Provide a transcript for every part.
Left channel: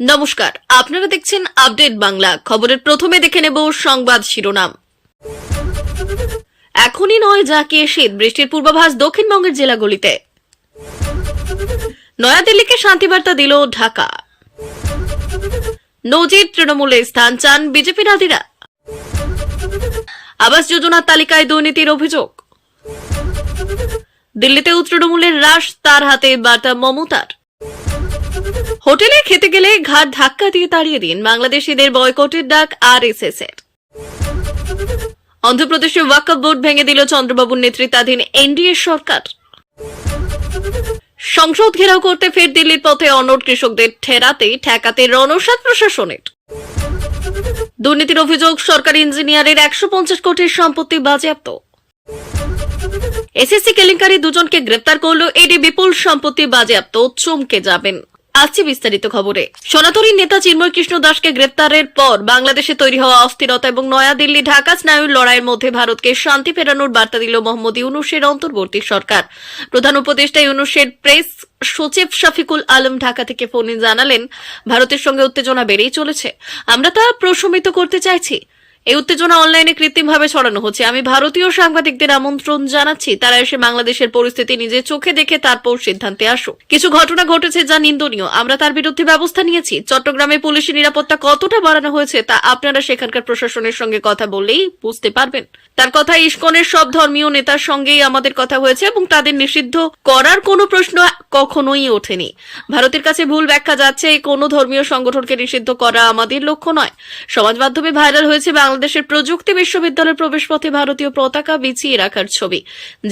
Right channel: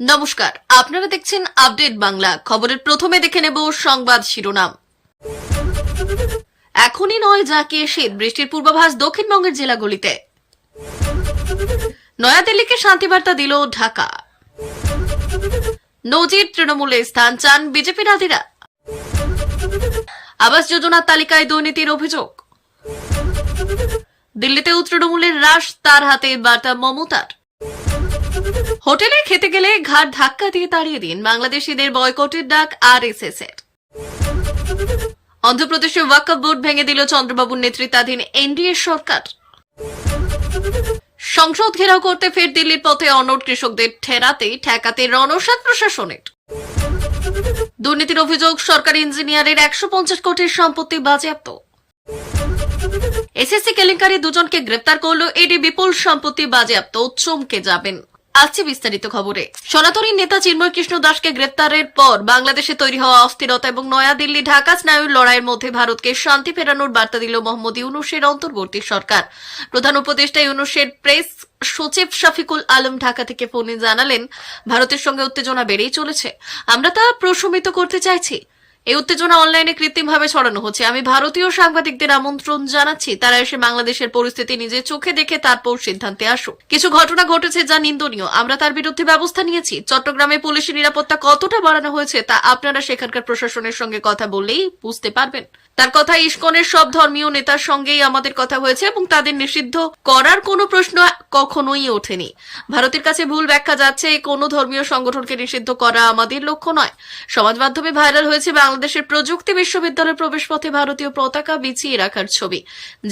নমস্কার, আপনারা দেখছেন আপডেট বাংলা। খবরের প্রথমে দেখে নেব সংবাদ শিরোনাম। এখনই নয় জাঁকিয়ে শীত, বৃষ্টির পূর্বাভাস দক্ষিণবঙ্গের জেলাগুলিতে। নয়াদিল্লিকে শান্তিবার্তা দিল ঢাকা। নজির তৃণমূলে স্থান চান বিজেপি রাধিরা। আবাস যোজনার তালিকায় দুর্নীতির অভিযোগ। দিল্লিতেও তৃণমূলের হ্রাস, তার হাতে বার্তা মমতার। হোটেলে খেতে গেলে ঘাট ধাক্কা দিয়ে তাড়িয়ে দিন, বাংলাদেশিদের বয়কটের ডাক আরএসএস এর। অন্ধ্রপ্রদেশে ওয়াকফ বোর্ড ভেঙে দিল চন্দ্রবাবুর নেতৃত্বাধীন এনডিএ সরকার। সংসদ ঘেরাও করতে ফের দিল্লির পথে অনড় কৃষকদের ঠেকাতে রণসাজ প্রশাসনের। দুর্নীতির অভিযোগ, সরকারি ইঞ্জিনিয়ারের 150 কোটির সম্পত্তি বাজেয়াপ্ত। এসএসসি কেলেঙ্কারি, দুজনকে গ্রেপ্তার করল ইডি, বিপুল সম্পত্তি বাজেয়াপ্ত, চমকে যাবেন। আসছে বিস্তারিত খবরে। সনাতনীর নেতা চিন্ময় কৃষ্ণ দাসকে গ্রেপ্তারের পর বাংলাদেশে তৈরি হওয়া অস্থিরতা এবং নয়াদিল্লি ঢাকা স্নায়ুর লড়াইয়ের মধ্যে ভারতকে শান্তি ফেরানোর বার্তা দিল মোহাম্মদ ইউনূসের অন্তর্বর্তী সরকার। প্রধান উপদেষ্টা ইউনূসের প্রেস সচিব শফিকুল আলম ঢাকা থেকে ফোনে জানালেন, ভারতের সঙ্গে উত্তেজনা বেড়েই চলেছে, আমরা তা প্রশমিত করতে চাইছি। এই উত্তেজনা অনলাইনে কৃত্রিমভাবে ছড়ানো হচ্ছে। আমি ভারতীয় সাংবাদিকদের আমন্ত্রণ জানাচ্ছি, তারা এসে বাংলাদেশের পরিস্থিতি নিজের চোখে দেখে তারপর সিদ্ধান্তে আসুক। কিছু ঘটনা ঘটেছে যা নিন্দনীয়, আমরা তার বিরুদ্ধে ব্যবস্থা নিয়েছি। চট্টগ্রামে পুলিশের নিরাপত্তা কতটা বাড়ানো হয়েছে তা আপনারা সেখানকার প্রশাসনের সঙ্গে কথা বললেই বুঝতে পারবেন। তার কথা, ইসকনের সব ধর্মীয় নেতার সঙ্গেই আমাদের কথা হয়েছে এবং তাদের নিষিদ্ধ করার কোনো প্রশ্ন কখনোই ওঠেনি। ভারতের কাছে ভুল ব্যাখ্যা যাচ্ছে, এই কোনো ধর্মীয় সংগঠনকে নিষিদ্ধ করা আমাদের লক্ষ্য নয়। সমাজ মাধ্যমে ভাইরাল হয়েছে বাংলাদেশের প্রযুক্তি বিশ্ববিদ্যালয়ের প্রবেশপথে ভারতীয় পতাকা বিছিয়ে রাখার ছবি,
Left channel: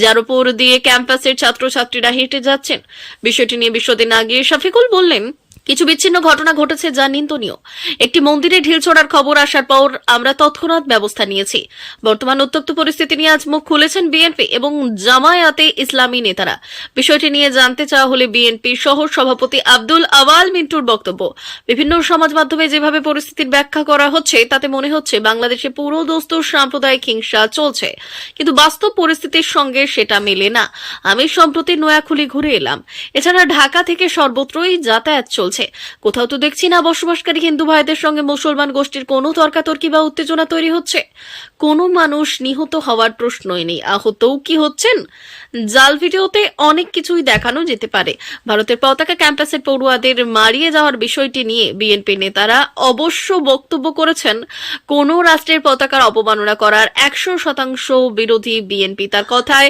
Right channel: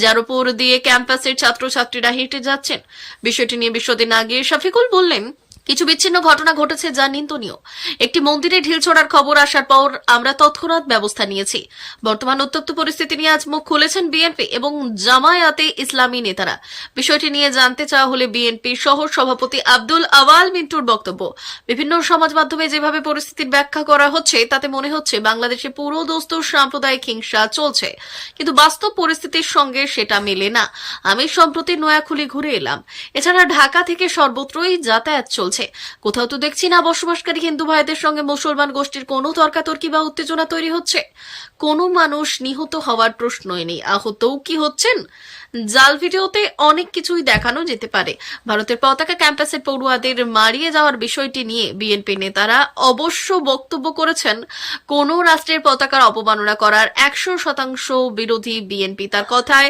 যার উপর দিয়ে ক্যাম্পাসের ছাত্রছাত্রীরা হেঁটে যাচ্ছেন। বিষয়টি নিয়ে বিশদে না গিয়ে শফিকুল বললেন, কিছু বিচ্ছিন্ন ঘটনা ঘটেছে যা নিন্দনীয়। একটি মন্দিরে ঢিল ছোড়ার খবর আসার পর আমরা তৎক্ষণাৎ ব্যবস্থা নিয়েছি। বর্তমান উত্তপ্ত পরিস্থিতি নিয়ে আজ মুখ খুলেছেন বিএনপি এবং জামায়াতে ইসলামী নেতারা। বিষয়টি নিয়ে জানতে চাওয়া হলে বিএনপি সহ সভাপতি আব্দুল আওয়াল মিন্টুর বক্তব্য, বিভিন্ন সমাজ মাধ্যমে যেভাবে পরিস্থিতির ব্যাখ্যা করা হচ্ছে তাতে মনে হচ্ছে বাংলাদেশে পুরো দস্তুর সাম্প্রদায়িক হিংসা চলছে, কিন্তু বাস্তব পরিস্থিতির সঙ্গে সেটা মেলে না। আমি সম্প্রতি নোয়াখালী ঘুরে এলাম, এছাড়া ঢাকা থেকে সর্বত্রই যাতায়াত চলছে। কোথাও তো দেখছি না বসবাসকারী হিন্দু ভাইদের সঙ্গে মুসলমান গোষ্ঠীর কোনো তর্কাতর্কি বা উত্তেজনা তৈরি হচ্ছে। কোনো মানুষ নিহত হওয়ার প্রশ্নই নেই, আহতও কি হচ্ছেন? জাল ভিডিওতে অনেক কিছুই দেখানো যেতে পারে। ভারতের পতাকা ক্যাম্পাসের পড়ুয়াদের মারিয়ে যাওয়ার বিষয়টি নিয়ে বিএনপি নেতারা অবশ্য বক্তব্য করেছেন, কোন রাষ্ট্রের পতাকার অবমাননা করার 100% বিরোধী বিএনপি। তার কথায়,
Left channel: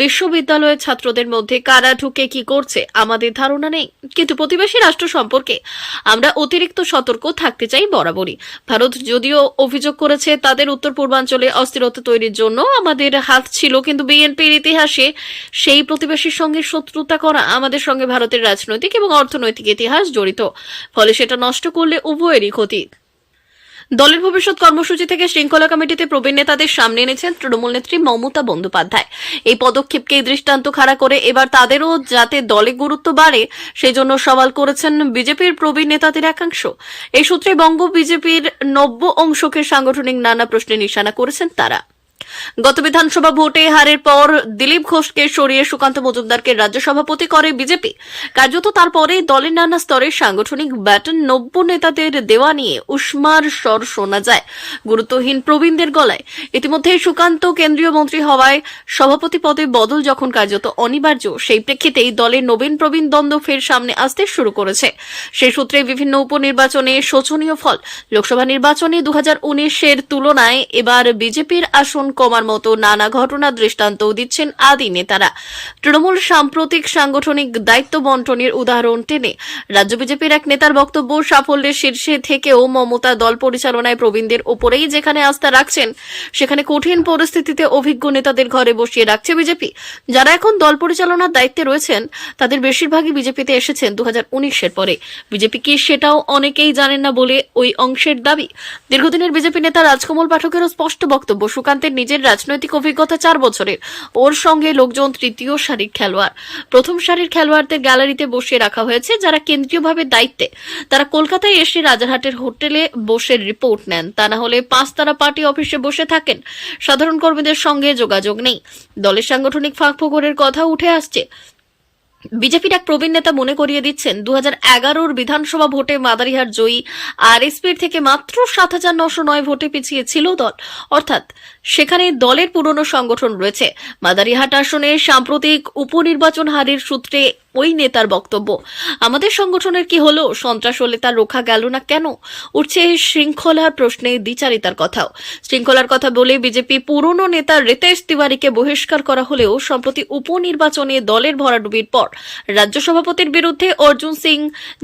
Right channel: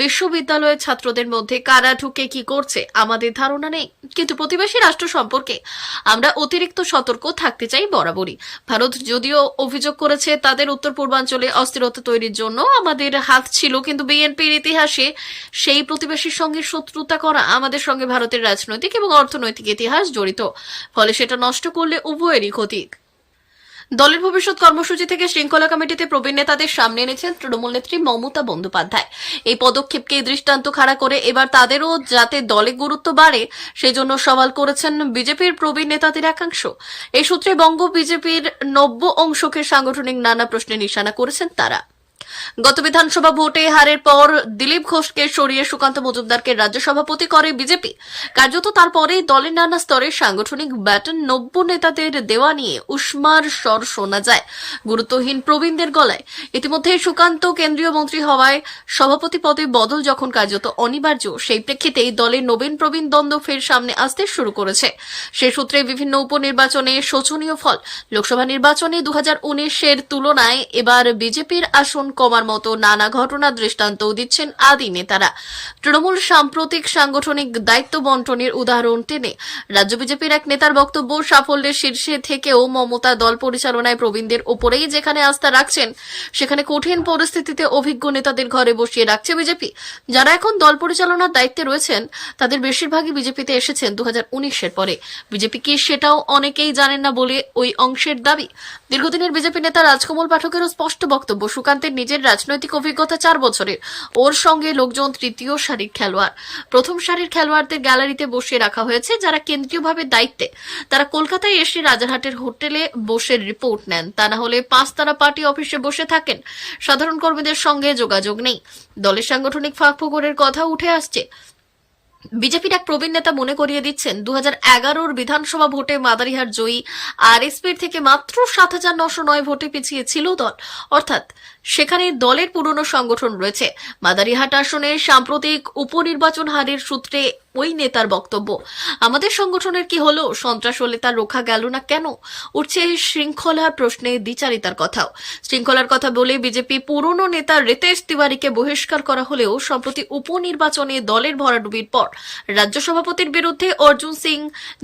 বিশ্ববিদ্যালয়ের ছাত্রদের মধ্যে কারা ঢুকে কি করছে আমাদের ধারণা নেই, কিন্তু প্রতিবেশী রাষ্ট্র সম্পর্কে আমরা অতিরিক্ত সতর্ক থাকতে চাই বরাবরই। ভারত যদিও অভিযোগ করেছে তাদের উত্তর পূর্বাঞ্চলে অস্থিরতা তৈরির জন্য আমাদের হাত ছিল, কিন্তু বিএনপির ইতিহাসে সেই প্রতিবেশীর সঙ্গে শত্রুতা করা, আমাদের সঙ্গে ভারতের রাজনৈতিক এবং অর্থনৈতিক ইতিহাস জড়িত, ফলে সেটা নষ্ট করলে উভয়েরই ক্ষতি। দলের ভবিষ্যৎ কর্মসূচি থেকে শৃঙ্খলা কমিটিতে প্রবীণ নেতাদের সামনে এনেছেন তৃণমূল নেত্রী মমতা বন্দ্যোপাধ্যায়। এই পদক্ষেপকে দৃষ্টান্ত খাড়া করে এবার তাদেরও যাতে দলে গুরুত্ব বাড়ে সেই জন্য সওয়াল করেছেন বিজেপির প্রবীণ নেতাদের একাংশ। এই সূত্রে বঙ্গ বিজেপির নব্য অংশকে সাংগঠনিক নানা প্রশ্নে নিশানা করেছেন তারা। গত বিধানসভা ভোটে হারের পর দিলীপ ঘোষকে সরিয়ে সুকান্ত মজুমদারকে রাজ্য সভাপতি করে বিজেপি। কার্যত তারপরে দলের নানা স্তরে সাংগঠনিক ব্যাটন নব্য নেতাদের দেওয়া নিয়ে উষ্মার স্বর শোনা যায় গুরুত্বহীন প্রবীণদের গলায়। ইতিমধ্যে সুকান্ত কেন্দ্রীয় মন্ত্রী হওয়ায় সভাপতি পদে বদল যখন কার্যত অনিবার্য, সেই প্রেক্ষিতেই দলের নবীন প্রবীণ দ্বন্দ্ব ফের সামনে আসতে শুরু করেছে। সেই সূত্রে বিভিন্ন উপনির্বাচনে শোচনীয় ফল। লোকসভা নির্বাচনে 2019-এর তুলনায় এবার বিজেপির আসন কমার মতো নানা ঘটনা দৃষ্টান্তও দিচ্ছেন আদি নেতারা। তৃণমূল সাম্প্রতিক সাংগঠনিক দায়িত্ব বন্টনের উদাহরণ টেনে রাজ্য বিজেপির এক নেতার বক্তব্য, সাফল্যের শীর্ষে থেকেও মমতা দল পরিচালনায় প্রবীণদের ওপরেই যেখানে আস্থা রাখছেন, সেখানে কঠিন পরিস্থিতিতে অভিজ্ঞ নেতাদের ঘরে বসিয়ে রাখছে বিজেপি। যারা এখন দল পরিচালনার দায়িত্বে রয়েছেন তাদের বেশিরভাগই বিজেপিতে এসেছেন 2019-এর পরে। বিজেপি কি সেটাও অনেকেই জানেন না বলে ওই অংশের দাবি। দীর্ঘদিনের বিজেপি নেতা রাজকমল পাঠকেরও স্পষ্ট বক্তব্য, সুকান্তের নিজের রাজনৈতিক অভিজ্ঞতা 4 বছরের, ওর সঙ্গে লোকজন তৃতীয় সারির খেলোয়াড়। প্রথম সারির খেলোয়াড়দের গ্যালারিতে বসিয়ে রাখা হয়েছে যারা কেন্দ্রীয়ভাবে দায়িত্বে। তারা কলকাতায় এসে রাজারহাটের হোটেলে বসে রিপোর্ট নেন, তা না হলে 5 তারা পার্টি অফিসে বসে থাকেন। সাধারণ কর্মীদের সঙ্গে যোগাযোগ নেই। দলের সাংগঠনিক ফাঁক ফোকরের কথা উঠে আসছে। বিজেপির এক প্রবীণ নেতা মনে করিয়ে দিচ্ছেন 2011 বিধানসভা ভোটে মাদারিহাট জয়ী আরএসপির থেকে মাত্র 7,909 ভোটে পিছিয়ে ছিল দল, অর্থাৎ সেখানে দলের পুরনো সংগঠন রয়েছে। মাদারিহাট আসনে সাম্প্রতিক উপনির্বাচন হারের সূত্রে ওই নেতার বক্তব্য, আমাদের সংগঠনের কি হলো, সন্ত্রাস হলে তা রোখা গেল না কেন? উঠছে শৃঙ্খলার প্রশ্নে দ্বিচারিতার কথাও। শৃঙ্খলার কথা বলে বিজেপি পুরনো নেতা রিতেশ তিওয়ারিকে বহিষ্কার করা হলেও সম্প্রতি উপনির্বাচনে দলের ভরাডুবির পর রাজ্য সভাপতির বিরুদ্ধে অর্জুন সিং,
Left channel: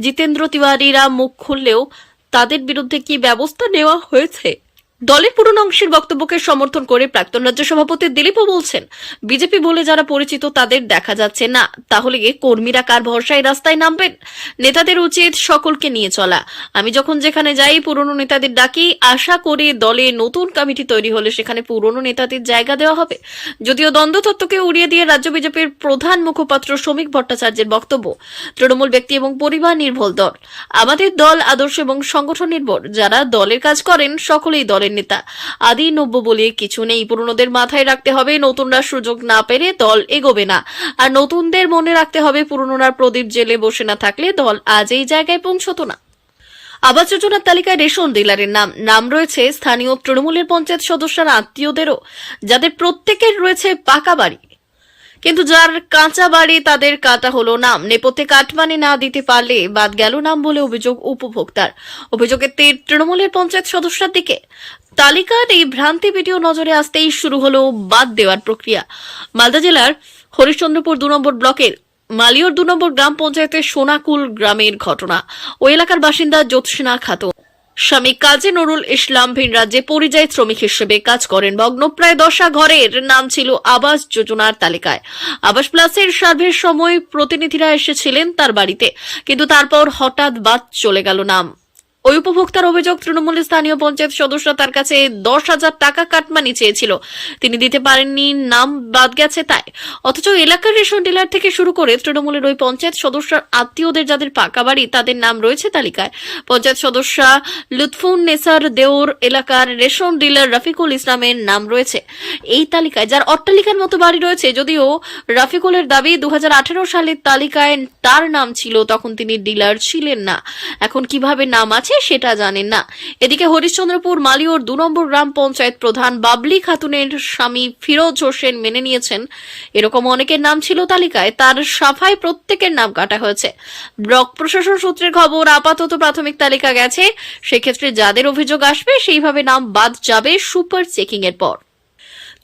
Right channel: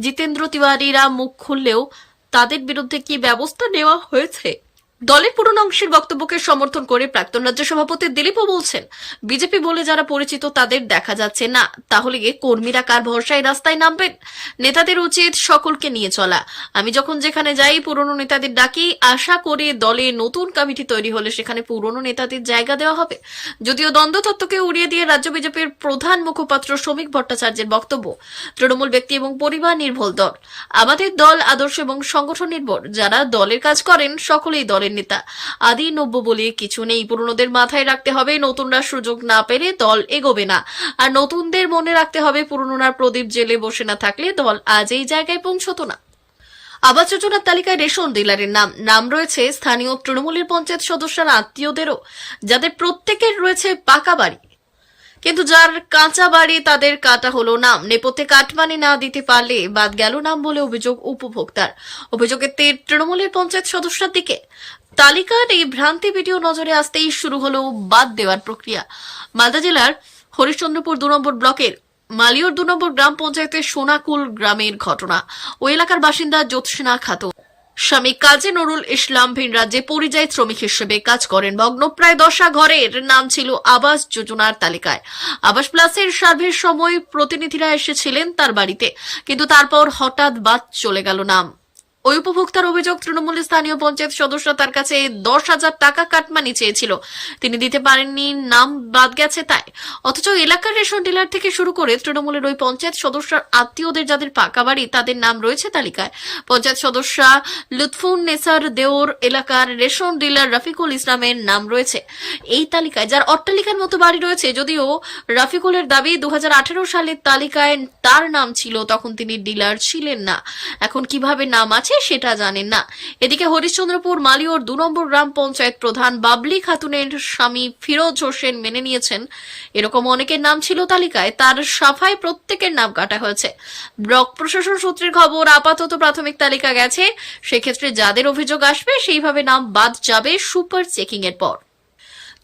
জিতেন্দ্র তিওয়ারিরা মুখ খুললেও তাদের বিরুদ্ধে কি ব্যবস্থা নেওয়া হয়েছে? দলের পুরনো অংশের বক্তব্যকে সমর্থন করে প্রাক্তন রাজ্য সভাপতি দিলীপও বলছেন, বিজেপি বলে যারা পরিচিত তাদের দেখা যাচ্ছে না, তাহলে কর্মীরা কার ভরসায় রাস্তায় নামবেন? নেতাদের উচিত সকলকে নিয়ে চলা। আমি যখন যেখানে যাই পুরনো নেতাদের ডাকি, আশা করি দলে নতুন কমিটি তৈরি হলে সেখানে পুরনো নেতাদের জায়গা দেওয়া হবে। যদিও দ্বন্দ্ব তত্ত্বকে উড়িয়ে দিয়ে রাজ্য বিজেপির প্রধান মুখপাত্র শ্রমিক ভট্টাচার্যের বক্তব্য, তৃণমূল ব্যক্তি এবং পরিবার নির্ভর দল, আমাদের দল আদর্শ এবং সংগঠন নির্ভর, যারা দলের কাজ করেন সকলেই দলের নেতা। আদি নব্য বলে কিছু নেই, পুরনোদের মাথায় রাখতে হবে নতুনরা সুযোগ না পেলে দল এগোবে না, আর নতুনদের মনে রাখতে হবে পুরনোরা প্রদীপ জেলে বসে না থাকলে দল আজ এই জায়গায় পৌঁছত না। আবাস যোজনার তালিকায় রেশন ডিলারের নাম রয়েছে স্থানীয় তৃণমূলের পঞ্চায়েত সদস্যরা আত্মীয়দেরও, যাদের প্রত্যেকের রয়েছে পাকা বাড়ি, কিন্তু যার কাঁচা বাড়ি তাদের কাটা হলো নাম। নেপথ্যে কাটমানি না দিতে পারলে বাদ গেল নাম বলে অভিযোগ উপভোক্তার। অভিযোগের তীর তৃণমূলের পঞ্চায়েত সদস্যের দিকে। তালিকার এই ভ্রান্তি ভিডিও নজরে আসতেই শুরু হলো বাদ দেওয়ার প্রক্রিয়া। মালদা জেলার হরিশ্চন্দ্রপুর 2 নম্বর ব্লকের মালিয়র 2 নম্বর গ্রাম পঞ্চায়েতের সোনাকুল গ্রামের ঘটনা। ওই এলাকার বাসিন্দা জ্যোৎস্না খাতুন স্বামী কাজী নুরুল ইসলাম ভিন রাজ্যে পরিযায়ী শ্রমিক হিসেবে কাজ করেন। ভগ্ন প্রায় 10 ঘরের নাম ছিল আবাস যোজনার তালিকায়। আবাস প্লাসের সার্ভের সময় প্রতিনিধিরা এসেছিলেন তার বাড়িতে, কিন্তু তারপর হঠাৎ বাদ চলে গেল নাম। ওই উপভোক্তার অভিযোগ, তৃণমূলের স্থানীয় পঞ্চায়েত সদস্য তার কাছে 10,000 টাকা কাটমানি চেয়েছিল, তিনি দিতে পারেননি, নাম বাদ গেছে তাই। অথচ এলাকার রেশন ডিলার থেকে শুরু করে তৃণমূলের ওই পঞ্চায়েত সদস্যর আত্মীয়দের যাদের পাকা বাড়ি তাদের নাম রয়েছে তালিকায়। পঞ্চায়েত সদস্য লুৎফুন নেসার দেওর এলাকার রেশন ডিলার রফিকুল ইসলামের নাম রয়েছে এই তালিকায়, যার অট্টালিকার মতো বাড়ি রয়েছে। যদিও রফিকুলের দাবি 2018 সালের তালিকায় তার নাম ছিল, তখন তিনি ডিলার ছিলেন না, এখন কিভাবে নাম আছে সেটা জানেন না। এদিকে হরিশ্চন্দ্রপুর মালিয়র 2 নম্বর গ্রাম পঞ্চায়েত প্রধান বাবলি খাতুনের স্বামী ফিরোজ হোসেন মেনে নিয়েছেন এরকম অনেকের নাম ছিল তালিকায়, তার সাফাই প্রত্যেকের নাম কাটা হয়েছে। ব্লক প্রশাসন সূত্রের খবর, আপাতত প্রাথমিক তালিকা গেছে, সেক্ষেত্রে যাদের অভিযোগ আসবে সেইভাবে নাম বাদ যাবে সুপার চেকিং এর পর।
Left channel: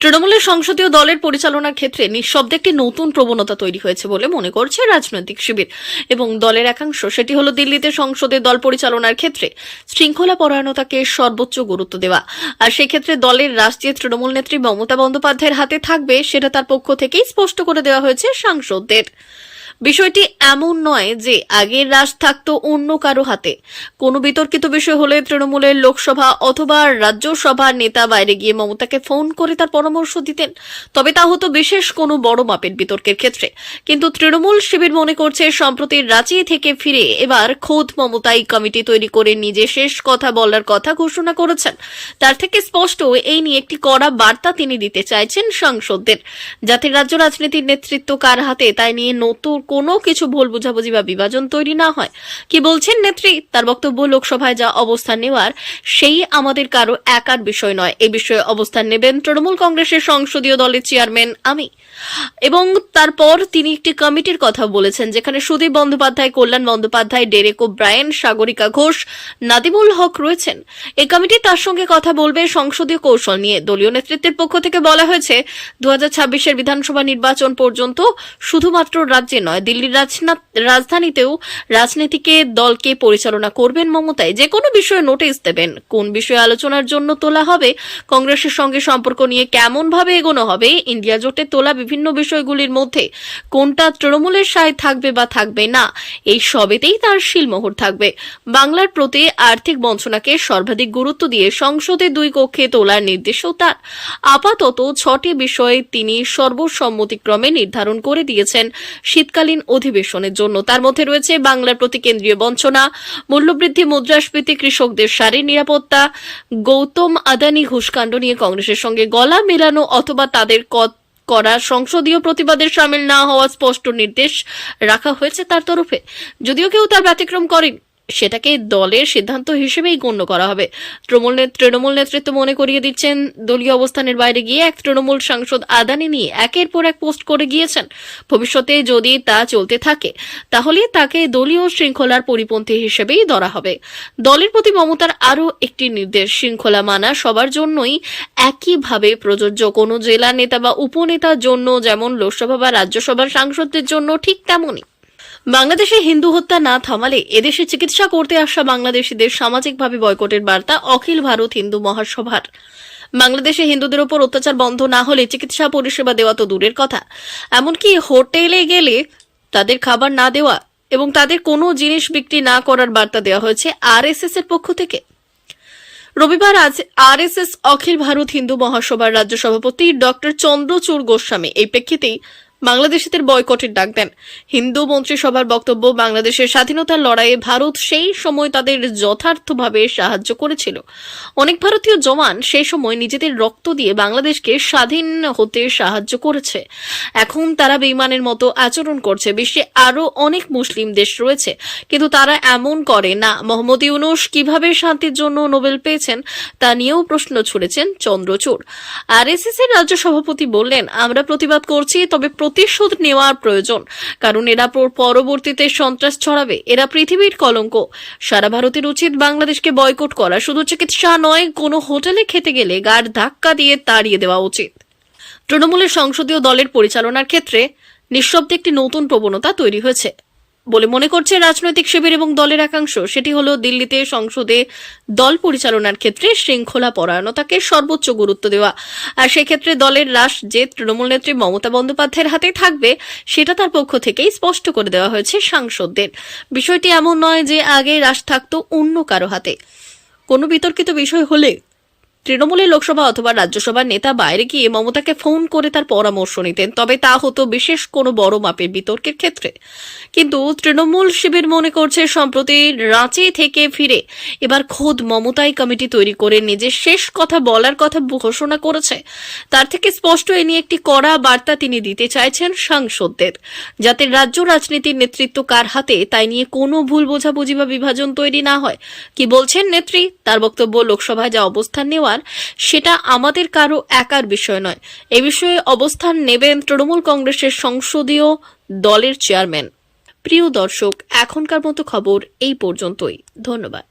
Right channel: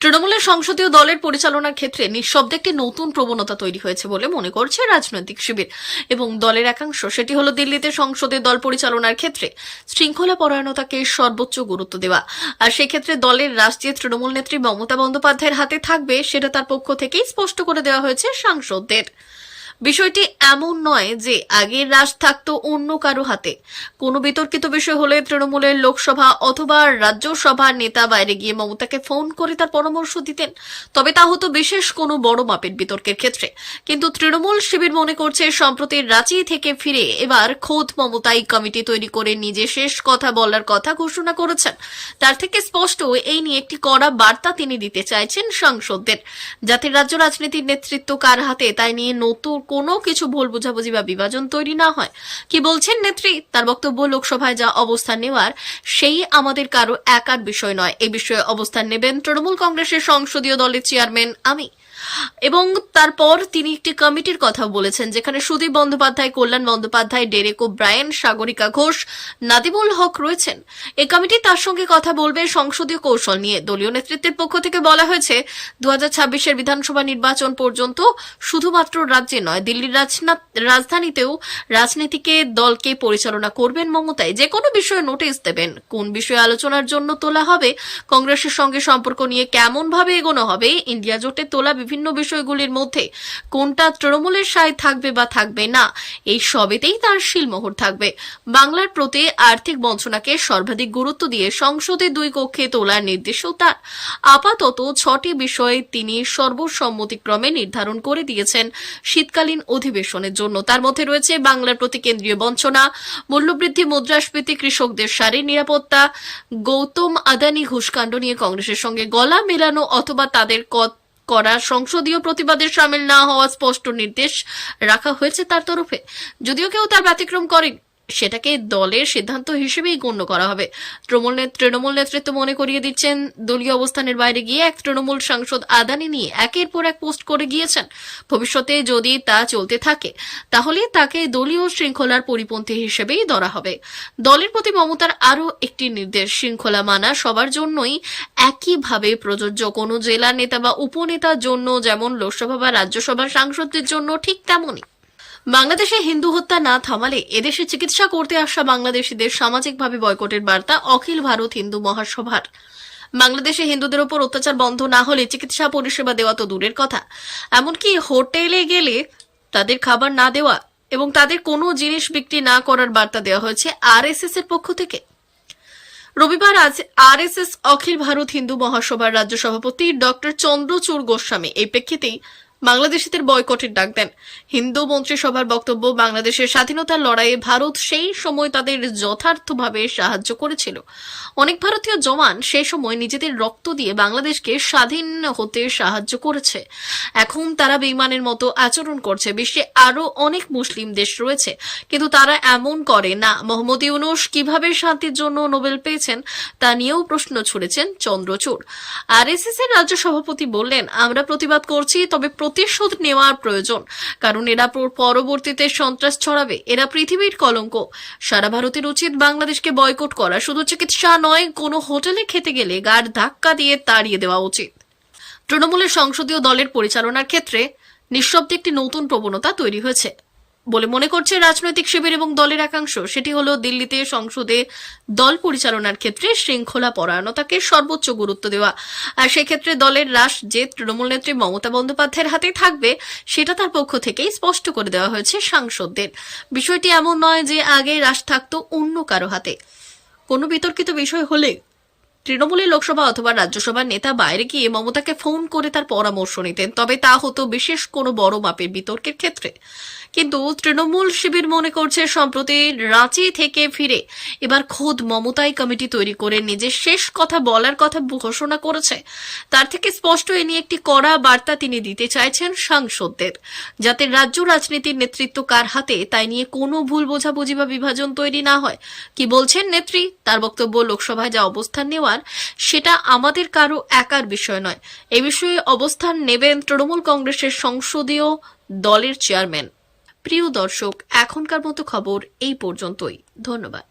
তৃণমূলের সংসদীয় দলের পরিচালনার ক্ষেত্রে নিঃশব্দে একটি নতুন প্রবণতা তৈরি হয়েছে বলে মনে করছে রাজনৈতিক শিবির এবং দলের একাংশ। সেটি হলো দিল্লিতে সংসদে দল পরিচালনার ক্ষেত্রে শৃঙ্খলা পরায়ণতাকে সর্বোচ্চ গুরুত্ব দেওয়া, আর সেক্ষেত্রে দলের রাষ্ট্রীয় তৃণমূল নেত্রী মমতা বন্দ্যোপাধ্যায়ের হাতে থাকবে সেটা তার পক্ষ থেকেই স্পষ্ট করে দেওয়া হয়েছে সাংসদদের। বিষয়টি এমন নয় যে আগের রাজ থাকতো অন্য কারো হাতে। কোনো বিতর্কিত বিষয় হলে তৃণমূলের লোকসভা অথবা রাজ্যসভার নেতা বাইরে গিয়ে মমতাকে ফোন করে তার পরামর্শ দিতেন, তবে তা হতো বিশেষ কোনো বড় মাপের বিতর্কের ক্ষেত্রে। কিন্তু তৃণমূল শিবির মনে করছে সম্প্রতি রাঁচি থেকে ফিরে এবার খোদ মমতাই কমিটি তৈরি করে নিজে শেষ কথা বলার কথা ঘোষণা করেছেন। তার থেকে স্পষ্ট এই নিয়ে একটি কড়া বার্তা তিনি দিতে চাইছেন সাংসদদের, যাতে রাজ্য রাজনীতির নেতৃত্ব কার হাতে তাই নিয়ে নতুন কোনো কিছু ভুল বোঝাবুঝি বা বিভাজন তৈরি না হয়। কি বলছেন নেত্রী? তার বক্তব্য, লোকসভায় যা অবস্থান নেওয়ার সেই আমাদের কারো একার বিষয় নয়, এই বিষয়ে অবস্থান নেবেন তৃণমূল কংগ্রেসের সংসদীয় দলের চেয়ারম্যান আমি। এবং তারপর তিনি একটি কমিটির কথা বলেছেন যেখানে সুদীপ বন্দ্যোপাধ্যায়, কল্যাণ বন্দ্যোপাধ্যায়, ডেরেক ওব্রায়েন, সাগরিকা ঘোষ, নাদিমুল হক রয়েছেন। এই কমিটি তার সঙ্গে কথা বলবে সংসদীয় কৌশল নিয়ে। দলীয় নেতৃত্বের পক্ষ থেকে বলা হয়েছে 2026 বিধানসভা নির্বাচন পর্যন্ত শুধুমাত্র রাজ্যে নয়, দিল্লির রাজধানীতেও রাজনীতিকে দলকে পরিচালনা করবেন মমতাই। যে কোনো বিষয়ে নোটিশ দেবেন, কোন বিষয়ে আলোচনার জন্য তোলা হবে, কংগ্রেসের সঙ্গে সম্পর্ক নিয়ে কেমন ভাবে এগোনো হবে, ইন্ডিয়া জোটে তোলা বিভিন্ন বিষয়গুলির মধ্যে কোনটা তৃণমূলের সায় থাকবে বা থাকবে না, এই সবেতেই তার শিলমোহর থাকবে। বাংলার প্রতি আর্থিক বঞ্চনাকে সর্বাধিক গুরুত্ব দিয়ে সংসদে 2 কক্ষে তোলার নির্দেশও তার। আপাতত 6টি বিষয়ে তিনি সর্বসম্মতিক্রমে নির্ধারণ করে দিয়েছেন শীতকালীন অধিবেশনের জন্য। তার মধ্যে রয়েছে বাংলার প্রতি কেন্দ্রীয় বঞ্চনা, মূল্যবৃদ্ধি, মুদ্রাস্ফীতি, কৃষকদের শারীরিক নিরাপত্তা, গৌতম আদানি ঘুষকাণ্ড নিয়ে কংগ্রেসের সঙ্গে গলা মেলানো অথবা তাদের করা সংসদীয় প্রতিবাদে শামিল না হওয়ার স্পষ্ট নির্দেশ রাখা হয়েছে তার তরফে। যদিও কেউ তার ব্যতিক্রম করেন, সেটাকে দলের সিদ্ধান্ত হিসেবেই গণ্য করা হবে। তৃণমূল নেতৃত্ব মনে করিয়ে দিচ্ছেন, দলীয় অবস্থানের বাইরে গিয়ে এক তৃণমূল সাংসদ আদানি নিয়ে একের পর এক পোস্ট করে গিয়েছেন। ভবিষ্যতে যদি তা চলতে থাকে তাহলে তাকে দলীয় শৃঙ্খলার পরিপন্থী হিসেবেই ধরা হবে। দলের প্রতি মমতার আরও একটি নির্দেশ, শৃঙ্খলা মানা সবার জন্যই একইভাবে প্রযোজ্য। কোনো জেলা নেতা বা উপনেতার জন্য যেমন লোকসভা বা রাজ্যসভার সাংসদদের জন্য ঠিক তেমনই। বাংলাদেশে হিন্দু হত্যা না থামালে এদেশে চিকিৎসা করতে আসা বাংলাদেশিদের সামাজিকভাবে বয়কটের বার্তা অখিল ভারত হিন্দু মহাসভার। বাংলাদেশে হিন্দুদের উপর অত্যাচার বন্ধ না হলে চিকিৎসা পরিষেবা দেওয়া তো দূরের কথা, এমনকি হোটেলে গেলে তাদের খাবার না দেওয়া এবং তাদের কোনো জিনিস বিক্রি না করার বার্তা দেওয়া হয়েছে আরএসএস এর পক্ষ থেকে। রবিবার আজ আরএসএস অখিল ভারত হিন্দু মহাসভার রাজ্য সভাপতি ডক্টর চন্দ্রচূড় গোস্বামী এই প্রেক্ষিতেই বাংলাদেশিদের বয়কটের ডাক দেন। হিন্দু মন্ত্রিসভার বক্তব্য, বাংলাদেশের স্বাধীনতার লড়াইয়ে ভারত সেই সময় তাদের যথার্থভাবে সাহায্য করেছিল। অনেক ভারতীয় জওয়ান সেই সময় নিজেদের রক্ত দিয়ে বাংলাদেশকে স্বাধীন হতে সাহায্য করেছে। এখন তারা বেঈমানের মতো আচরণ করছে। বিশ্বে আরো অনেক মুসলিম দেশ রয়েছে, কিন্তু তারা এমন করে না। মোহাম্মদ ইউনূস কিভাবে শান্তির জন্য নোবেল পেয়েছেন তা নিয়েও প্রশ্ন ছুড়েছেন চন্দ্রচূড়। আরএসএস এর রাজ্য সভাপতি বললেন, আমরা প্রতিবাদ করছি, তবে প্রতিশোধ নেওয়ার প্রয়োজন, কারণ এরা পরবর্তীতে সন্ত্রাস ছড়াবে। এরা পৃথিবীর কলঙ্ক। সারা ভারতের উচিত বাংলাদেশকে বয়কট করা। শুধু চিকিৎসা নয়, কোনো হোটেলে খেতে গেলে গাড় ধাক্কা দিয়ে তাড়িয়ে দেওয়া উচিত। তৃণমূলের সংসদীয় দলের পরিচালনার ক্ষেত্রে নিঃশব্দে একটি নতুন প্রবণতা তৈরি হয়েছে বলে মনে করছে রাজনৈতিক শিবির এবং দলের একাংশ। সেটি হলো দিল্লিতে সংসদে দল পরিচালনার ক্ষেত্রে শৃঙ্খলা পরায়ণতাকে সর্বোচ্চ গুরুত্ব দেওয়া। আর সেক্ষেত্রে দলের রাশ যে তৃণমূল নেত্রী মমতা বন্দ্যোপাধ্যায়ের হাতে থাকবে, সেটা তার পক্ষ থেকেই স্পষ্ট করে দেওয়া হয়েছে সাংসদদের। বিষয়টি এমন নয় যে আগে রাশ থাকতো অন্য কারো হাতে। কোনো বিতর্কিত বিষয় হলে তৃণমূলের লোকসভা অথবা রাজ্যসভার নেতা বাইরে গিয়ে মমতাকে ফোন করে তার পরামর্শ নিতেন, তবে তা হতো বিশেষ কোনো বড় মাপের বিতর্কের ক্ষেত্রে। কিন্তু তৃণমূল শিবির মনে করছে, সম্প্রতি রাঁচি থেকে ফিরে এবার খোদ মমতাই কমিটি তৈরি করে নিজের শেষ কথা বলার কথা ঘোষণা করেছে। তার থেকে স্পষ্ট এ নিয়ে একটি কড়া বার্তা তিনি দিতে চাইছেন সাংসদদের, যাতে রাজ্য রাজনীতির নেতৃত্ব কার হাতে তাই নিয়ে কোনো ভুল বোঝাবুঝি বা বিভাজন তৈরি না হয়। কি বলছেন নেত্রী? তার বক্তব্য, লোকসভায় যা অবস্থান নেওয়ার সেটা আমাদের কারো একার বিষয় নয়। এ বিষয়ে অবস্থান নেবেন তৃণমূল কংগ্রেসের সংসদীয় দলের চেয়ারম্যান। প্রিয় দর্শক, এখনকার মতো খবর এই পর্যন্তই। ধন্যবাদ।